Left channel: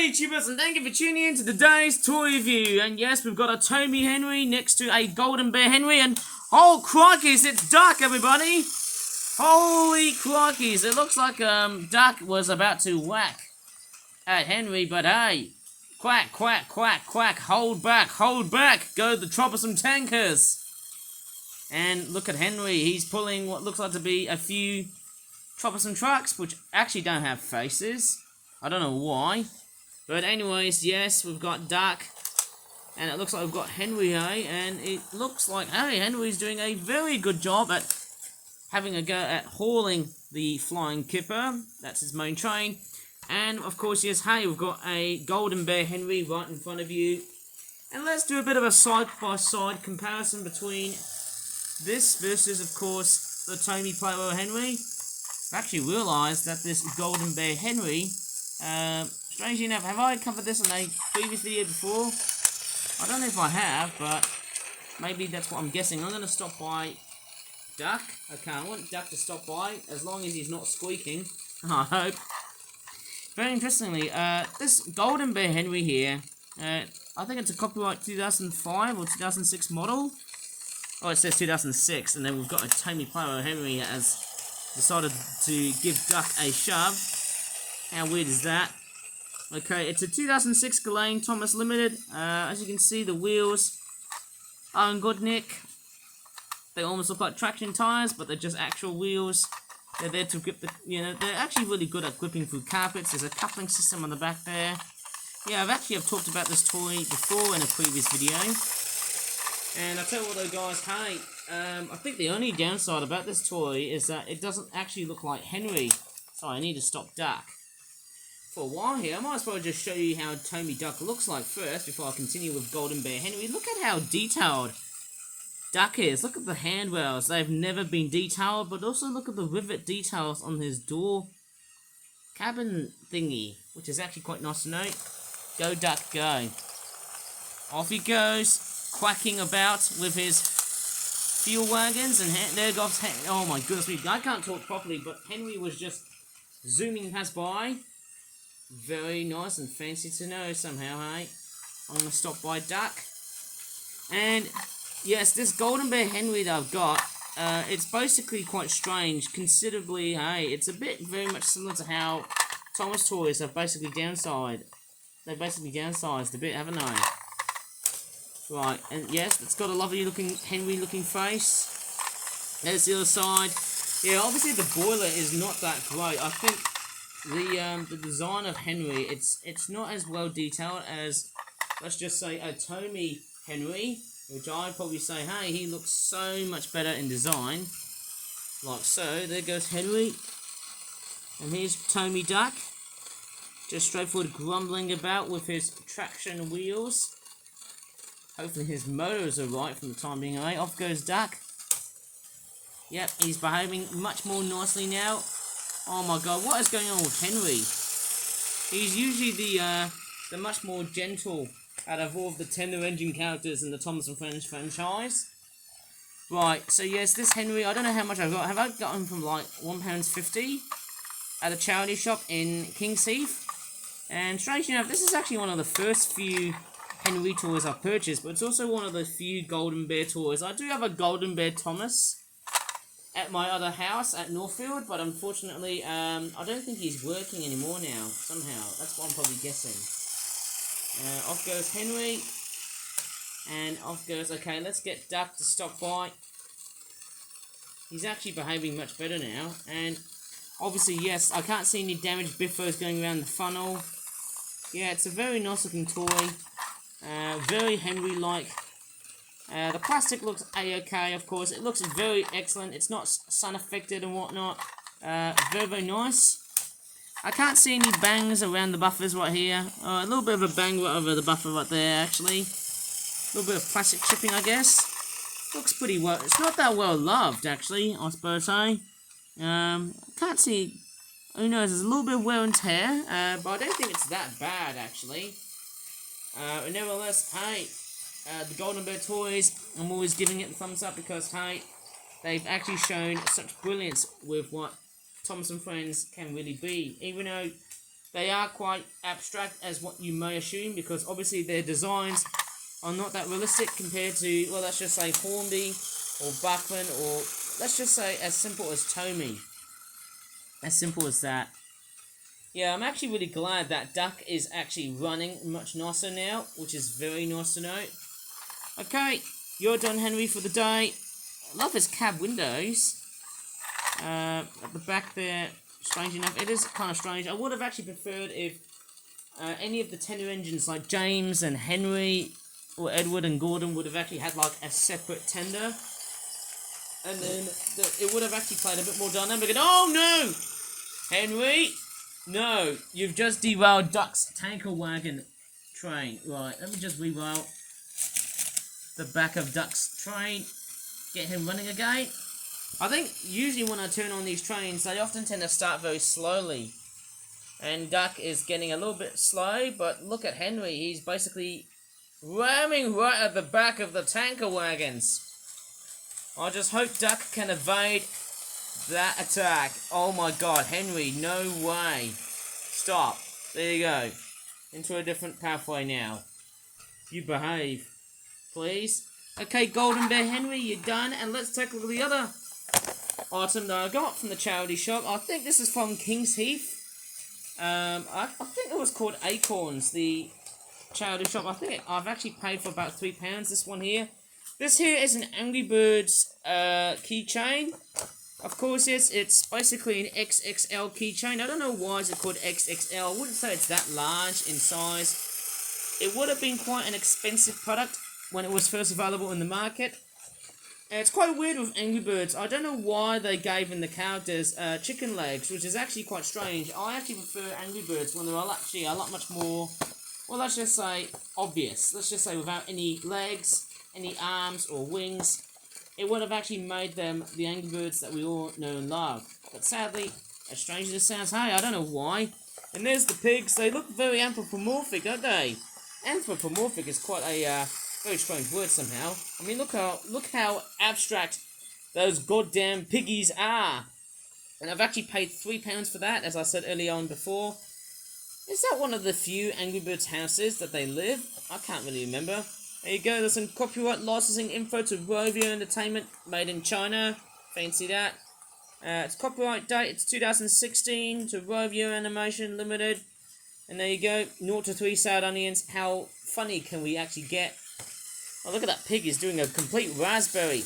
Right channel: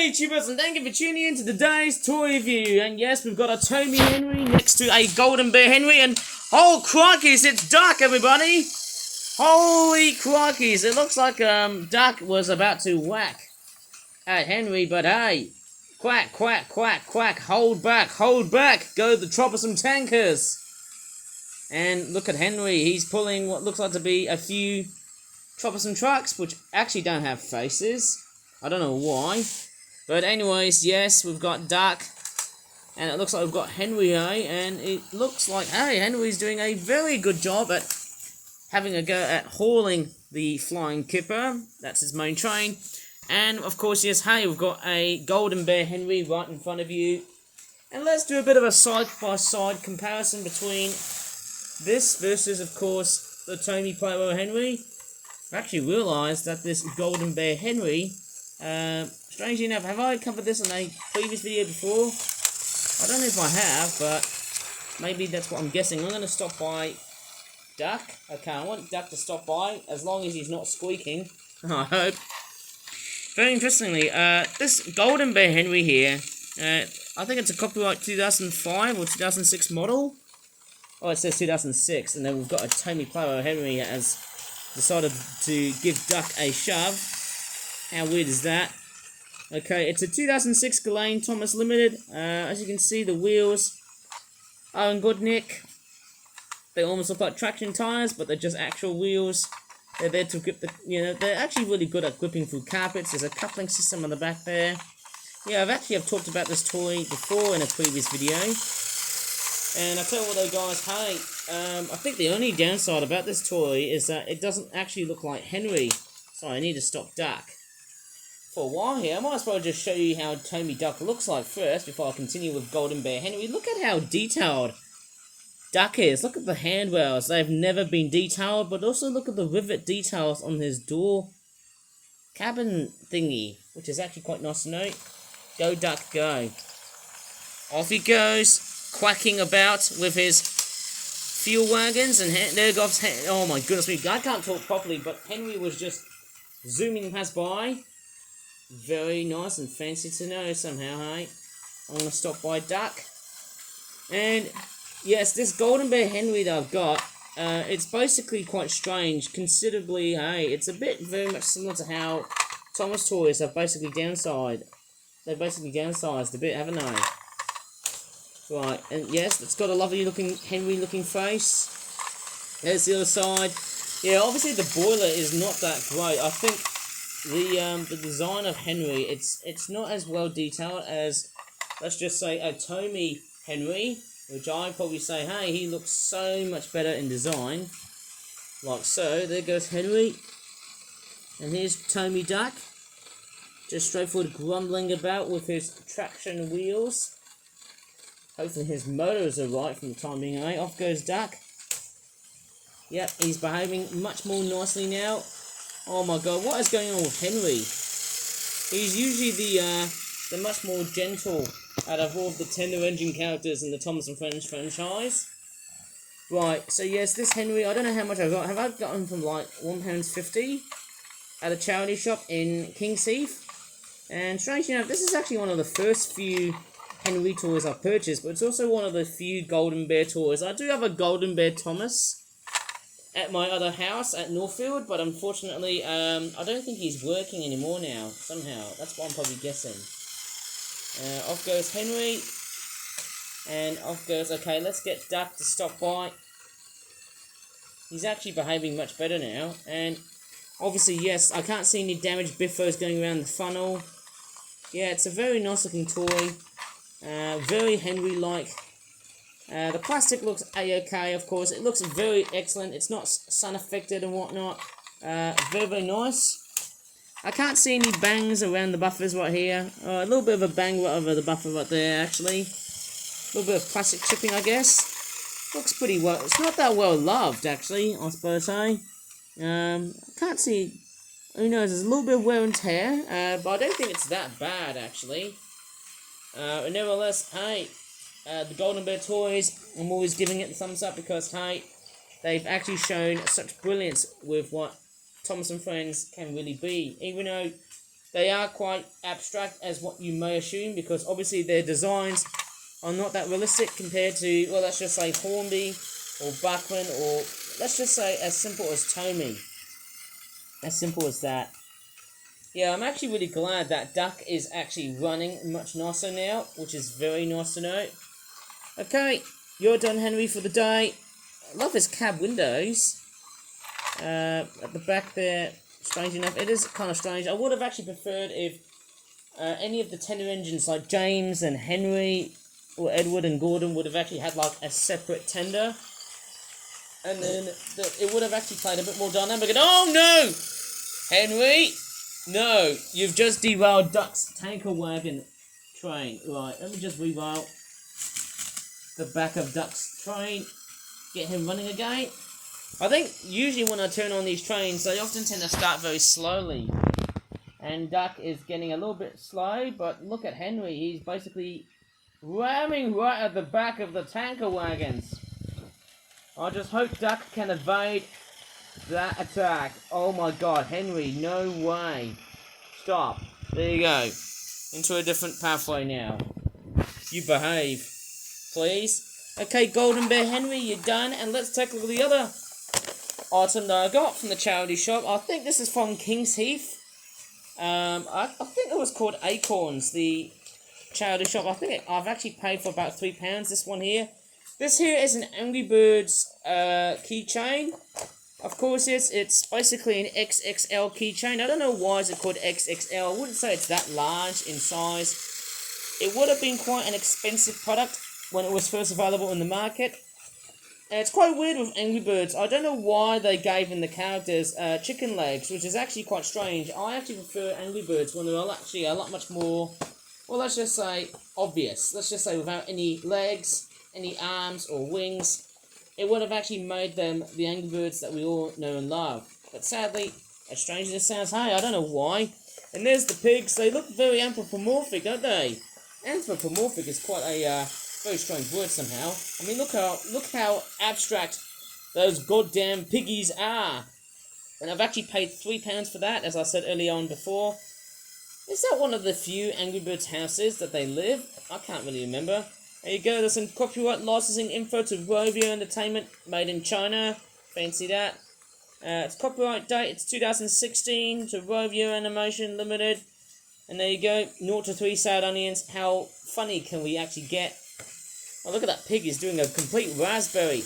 Hey YouTubers, and thank you for tuning in to today's toy review. And yes, we've got a Tomy Henry next to a Golden Bear Henry, and oh crikeys, it's Duck, everybody! Holy crikeys, it looks like Duck was about to whack at Henry, but hey, quack, quack, quack, quack, hold back, go the troublesome tankers! And look at Henry, he's pulling what looks like to be a few troublesome trucks, which actually don't have faces. I don't know why. But anyways, yes, we've got Duck. And it looks like we've got Henry, and it looks like, hey, Henry's doing a very good job at having a go at hauling the Flying Kipper. That's his main train. And, of course, yes, hey, we've got a Golden Bear Henry right in front of you. And let's do a bit of a side-by-side comparison between this versus, of course, the Tomy Playboy Henry. I actually realised that this Golden Bear Henry, strangely enough, have I covered this in a previous video before? I don't know if I have, but maybe that's what I'm guessing. I'm going to stop by Duck. Okay, I want Duck to stop by, as long as he's not squeaking, I hope. Very interestingly, this Golden Bear Henry here, I think it's a copyright 2005 or 2006 model. Oh, it says 2006, and then we've got a Tomy Playboy Henry that has decided to give Duck a shove. How weird is that? Okay, it's a 2006 Ghislaine Thomas Limited. As you can see, the wheels are in good nick. They almost look like traction tires, but they're just actual wheels. They're there to grip the, they're actually really good at gripping through carpets. There's a coupling system on the back there. Yeah, I've talked about this toy before in a previous video. And I tell you what though, guys, hey, I think the only downside about this toy is that it doesn't actually look like Henry. So I need to stop Duck for a while here. I might as well just show you how Tomy Duck looks like first before I continue with Golden Bear Henry. Look at how detailed Duck is. Look at the handrails. They've never been detailed, but also look at the rivet details on his door cabin thingy, which is actually quite nice to note. Go Duck, go. Off he goes, quacking about with his fuel wagons, and there goes, oh my goodness me, I can't talk properly, but Henry was just zooming past by. Very nice and fancy to know somehow, hey. I'm going to stop by Duck. And yes, this Golden Bear Henry that I've got, it's basically quite strange, considerably, hey, it's a bit very much similar to how Thomas Toys have basically downsized. They've basically downsized a bit, haven't they? Right, and yes, it's got a lovely looking Henry looking face. There's the other side. Yeah, obviously the boiler is not that great. I think the design of Henry, it's not as well detailed as, let's just say, a Tomy Henry, which I'd probably say, hey, he looks so much better in design. Like so. There goes Henry. And here's Tomy Duck. Just straightforward grumbling about with his traction wheels. Hopefully his motors are right from the time being, right? Off goes Duck. Yep, he's behaving much more nicely now. Oh my god, what is going on with Henry? He's usually the much more gentle out of all of the tender engine characters in the Thomas & Friends franchise. Right, so yes, this Henry, I don't know how much I got. Have I got him from like £1.50 at a charity shop in King's Heath? And strangely enough, this is actually one of the first few Henry toys I've purchased, but it's also one of the few Golden Bear toys. I do have a Golden Bear Thomas at my other house at Northfield, but unfortunately, I don't think he's working anymore now, somehow. That's what I'm probably guessing. Off goes Henry, and off goes, okay, let's get Duck to stop by. He's actually behaving much better now, and obviously, yes, I can't see any damaged biffos going around the funnel. Yeah, it's a very nice looking toy. Very Henry-like. The plastic looks a-okay, of course. It looks very excellent. It's not sun-affected and whatnot. Very, very nice. I can't see any bangs around the buffers right here. A little bit of a bang right over the buffer right there, actually. A little bit of plastic chipping, I guess. Looks pretty well. It's not that well loved, actually, I suppose, eh? Can't see. Who knows? There's a little bit of wear and tear, but I don't think it's that bad, actually. Nevertheless, hey, the Golden Bear toys, I'm always giving it the thumbs up because, hey, they've actually shown such brilliance with what Thomas & Friends can really be. Even though They are quite abstract as what you may assume, because obviously their designs are not that realistic compared to, well, let's just say Hornby or Bachmann, or let's just say as simple as Tomy. As simple as that. Yeah, I'm actually really glad that Duck is actually running much nicer now, which is very nice to know. Okay, you're done, Henry, for the day. I love his cab windows. At the back there, strange enough, it is kind of strange. I would have actually preferred if any of the tender engines like James and Henry or Edward and Gordon would have actually had like a separate tender. And then it would have actually played a bit more dynamic. And oh no! Henry! No, you've just derailed Duck's tanker wagon train. Right, let me just reroute the back of Duck's train. Get him running again. I think usually when I turn on these trains, they often tend to start very slowly. And Duck is getting a little bit slow, but look at Henry. He's basically ramming right at the back of the tanker wagons. I just hope Duck can evade that attack. Oh my god, Henry, no way. Stop. There you go. Into a different pathway now. You behave, please. Okay, Golden Bear Henry, you're done. And let's take a look at the other item that I got from the charity shop. I think this is from King's Heath. I think it was called Acorns, the charity shop. I think I've actually paid for about £3, this one here. This here is an Angry Birds keychain. Of course, it's basically an XXL keychain. I don't know why is it called XXL. I wouldn't say it's that large in size. It would have been quite an expensive product when it was first available in the market. And it's quite weird with Angry Birds. I don't know why they gave in the characters chicken legs, which is actually quite strange. I actually prefer Angry Birds when they're actually a lot much more, well, let's just say obvious. Let's just say without any legs, any arms or wings. It would have actually made them the Angry Birds that we all know and love. But sadly, as strange as it sounds, hey, I don't know why. And there's the pigs. They look very anthropomorphic, don't they? Anthropomorphic is quite a very strange word somehow. I mean, look how abstract those goddamn piggies are. And I've actually paid £3 for that, as I said earlier on before. Is that one of the few Angry Birds houses that they live? I can't really remember. There you go, there's some copyright licensing info to Rovio Entertainment, made in China. Fancy that. It's copyright date, it's 2016 to Rovio Animation Limited. And there you go, 0 to 3 sad onions. How funny can we actually get? Oh, look at that pig, he's doing a complete raspberry.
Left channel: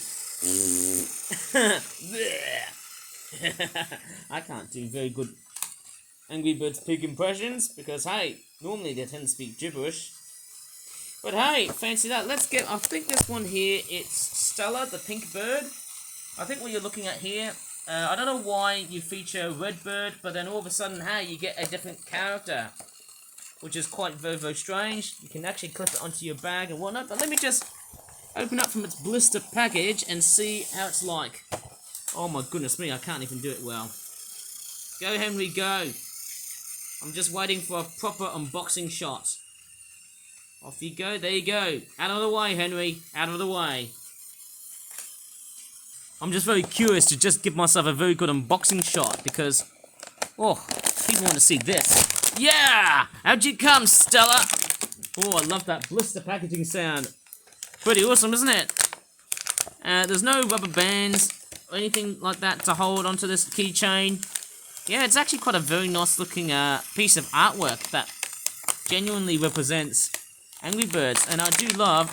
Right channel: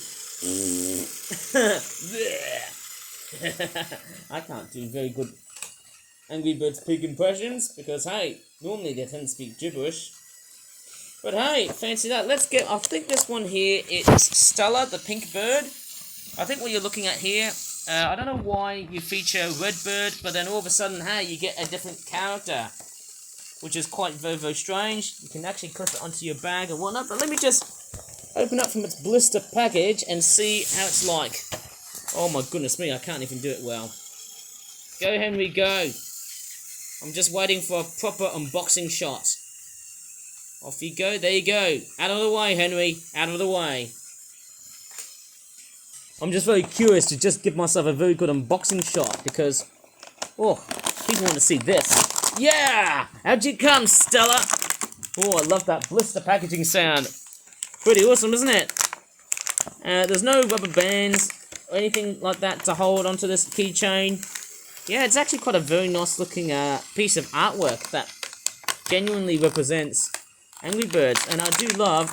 I can't do very good Angry Birds pig impressions, because hey, normally they tend to speak gibberish. But hey, fancy that. Let's get, I think this one here, it's Stella, the pink bird. I think what you're looking at here, I don't know why you feature Red Bird, but then all of a sudden, hey, you get a different character, which is quite very, very strange. You can actually clip it onto your bag and whatnot, but let me just open up from its blister package and see how it's like. Oh my goodness me, I can't even do it well. Go, Henry, go. I'm just waiting for a proper unboxing shot. Off you go, there you go. Out of the way, Henry, out of the way. I'm just very curious to just give myself a very good unboxing shot, because, oh, people want to see this. Yeah! How'd you come, Stella? Oh, I love that blister packaging sound. Pretty awesome, isn't it? There's no rubber bands or anything like that to hold onto this keychain. Yeah, it's actually quite a very nice looking piece of artwork that genuinely represents Angry Birds, and I do love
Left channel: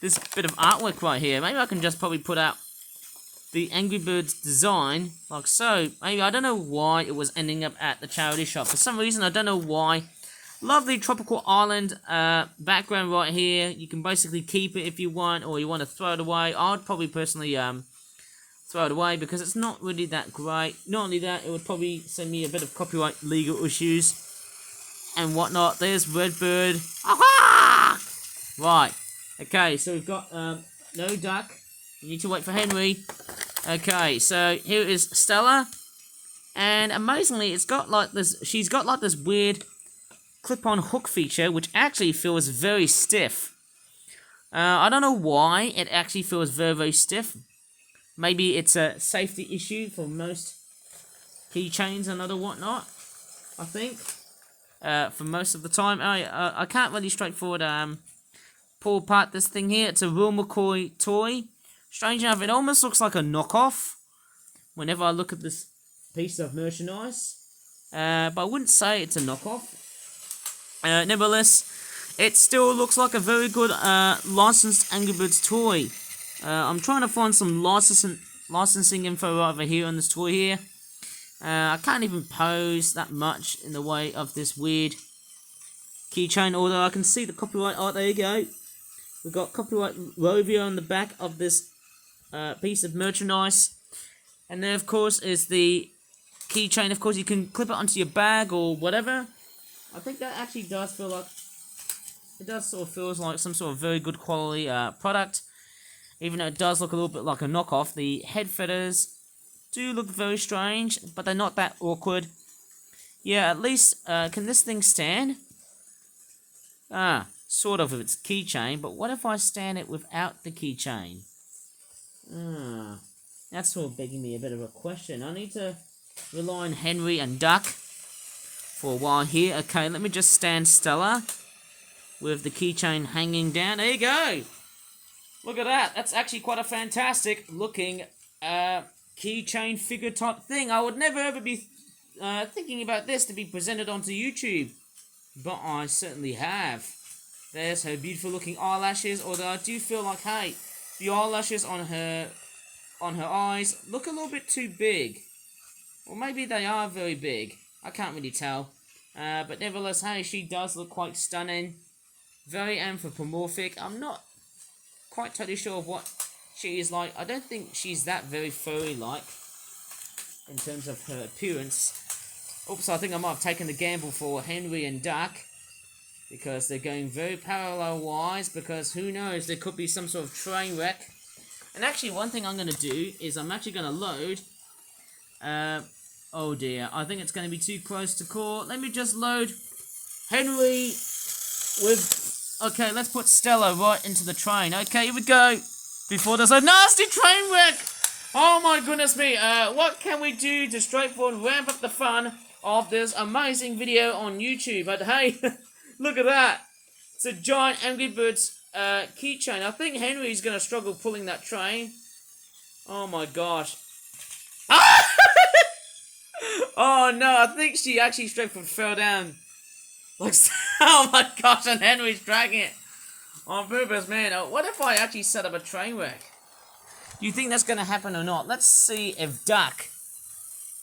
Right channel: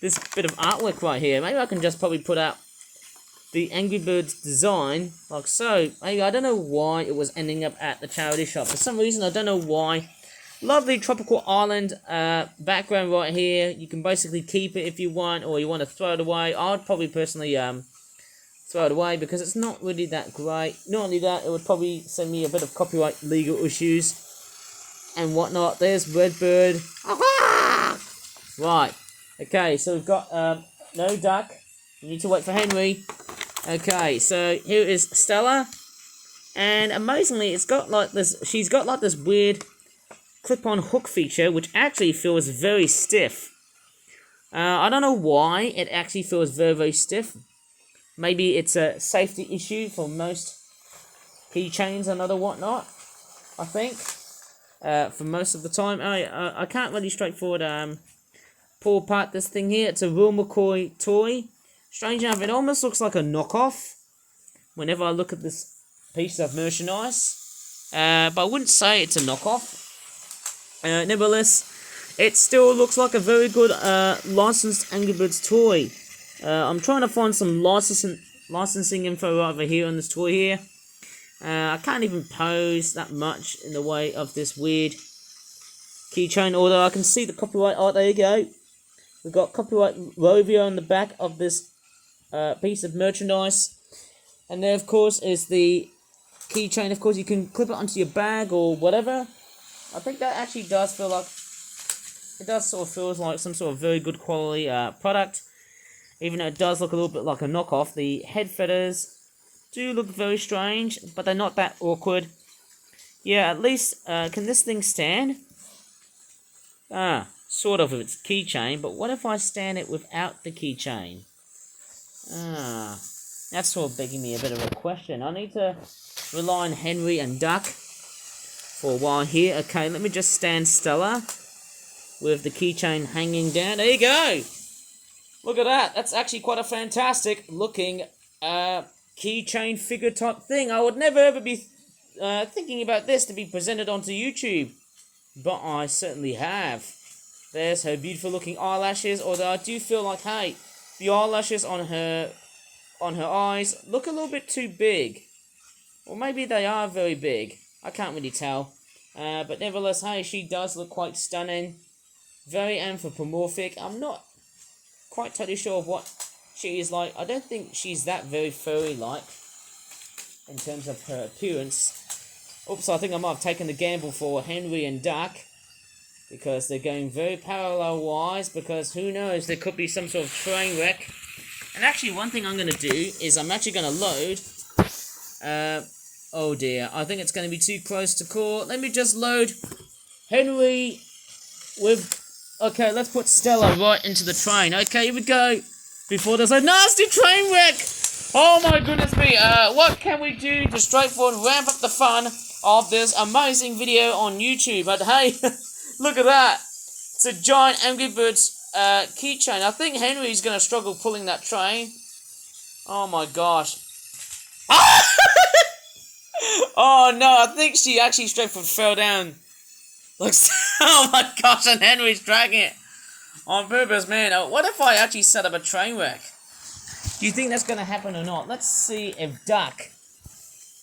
this bit of artwork right here. Maybe I can just probably put out the Angry Birds design like so. Maybe, I don't know why it was ending up at the charity shop. For some reason, I don't know why. Lovely tropical island background right here. You can basically keep it if you want, or you want to throw it away. I'd probably personally throw it away because it's not really that great. Not only that, it would probably send me a bit of copyright legal issues and whatnot. There's Redbird. Right. Okay, so we've got no duck. You need to wait for Henry. Okay, so here is Stella. And amazingly, it's got like this, she's got like this weird clip-on hook feature, which actually feels very stiff. I don't know why it actually feels very, very stiff. Maybe it's a safety issue for most keychains and other whatnot, I think. for most of the time. I can't really straightforward pull apart this thing here. It's a Will McCoy toy. Strange enough, it almost looks like a knockoff whenever I look at this piece of merchandise. But I wouldn't say it's a knockoff. Nevertheless, it still looks like a very good licensed Angry Birds toy. I'm trying to find some licensing info over here on this toy here. I can't even pose that much in the way of this weird keychain, although I can see the copyright art. There you go. We've got copyright Rovio on the back of this piece of merchandise. And there, of course, is the keychain. Of course, you can clip it onto your bag or whatever. I think that actually does feel like... It does sort of feels like some sort of very good quality product. Even though it does look a little bit like a knockoff. The head feathers do look very strange, but they're not that awkward. Yeah, at least, can this thing stand? Sort of with its keychain, but what if I stand it without the keychain? That's sort of begging me a bit of a question. I need to rely on Henry and Duck for a while here. Okay, let me just stand Stella with the keychain hanging down. There you go! Look at that. That's actually quite a fantastic looking keychain figure type thing. I would never ever be thinking about this to be presented onto YouTube, but I certainly have. There's her beautiful looking eyelashes, although I do feel like, hey, the eyelashes on her eyes look a little bit too big. Or maybe they are very big. I can't really tell. But nevertheless, hey, she does look quite stunning. Very anthropomorphic. I'm not quite totally sure of what she is like. I don't think she's that very furry-like in terms of her appearance. Oops, I think I might have taken the gamble for Henry and Duck, because they're going very parallel-wise, because who knows, there could be some sort of train wreck. And actually, one thing I'm going to do is I'm actually going to load... oh dear, I think it's going to be too close to call. Let me just load Henry with... Okay, let's put Stella right into the train. Okay, here we go. Before there's a nasty train wreck. Oh my goodness me. What can we do to straightforward ramp up the fun of this amazing video on YouTube? But hey, look at that. It's a giant Angry Birds keychain. I think Henry's going to struggle pulling that train. Oh my gosh. Oh no, I think she actually straightforward fell down. Like, oh my gosh, and Henry's dragging it on purpose, man. What if I actually set up a train wreck? Do you think that's going to happen or not? Let's see if Duck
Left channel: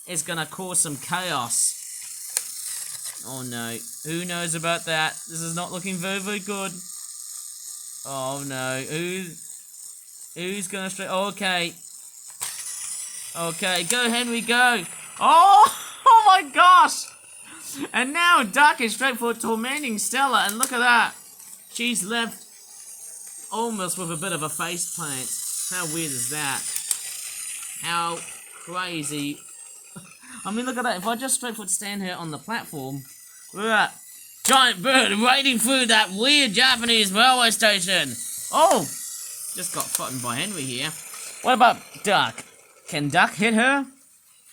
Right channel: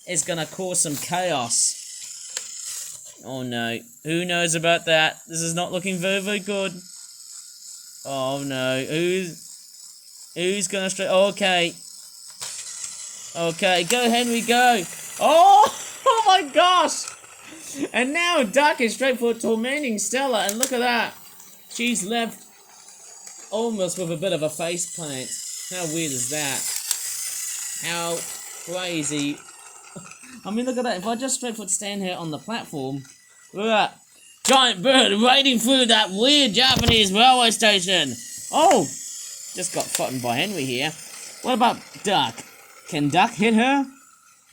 is going to cause some chaos. Oh no, who knows about that? This is not looking very, very good. Oh no, who's going to okay. Okay, go Henry, go. Oh my gosh. And now Duck is straightforward tormenting Stella, and look at that. She's left almost with a bit of a face plant. How weird is that? How crazy. I mean, look at that. If I just straightforward stand here on the platform, look at that. Giant bird wading through that weird Japanese railway station. Oh, just got frightened by Henry here. What about Duck? Can Duck hit her?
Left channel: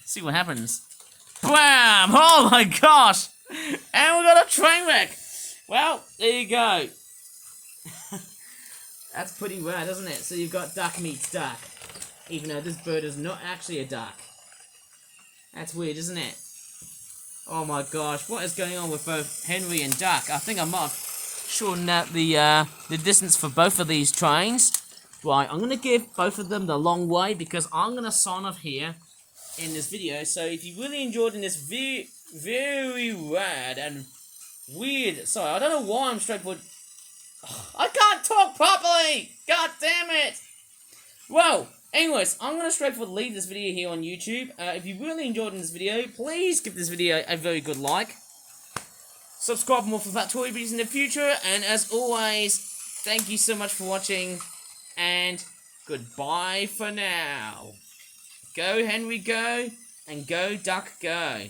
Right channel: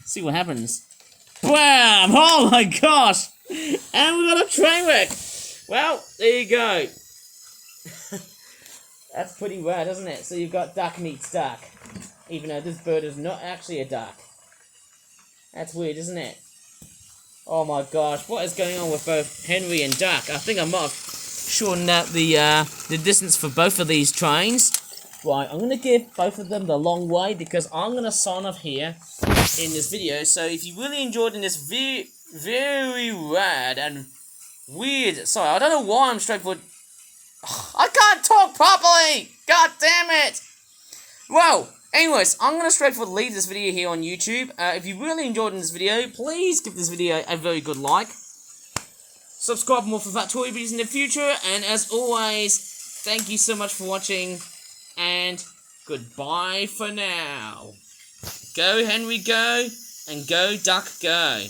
See what happens. Bam! Oh my gosh! And we got a train wreck! Well, there you go. That's pretty rad, isn't it? So you've got Duck meets Duck. Even though this bird is not actually a duck. That's weird, isn't it? Oh my gosh, what is going on with both Henry and Duck? I think I might have shortened out the distance for both of these trains. Right, I'm going to give both of them the long way, because I'm going to sign off here in this video. So if you really enjoyed in this very rad and weird... Sorry, I don't know why I'm straightforward... I can't talk properly! God damn it! Well, anyways, I'm going to straightforward leave this video here on YouTube. If you really enjoyed in this video, please give this video a very good like. Subscribe for more for Fat Toy videos in the future. And as always, thank you so much for watching. And goodbye for now. Go Henry, go. And go Duck, go.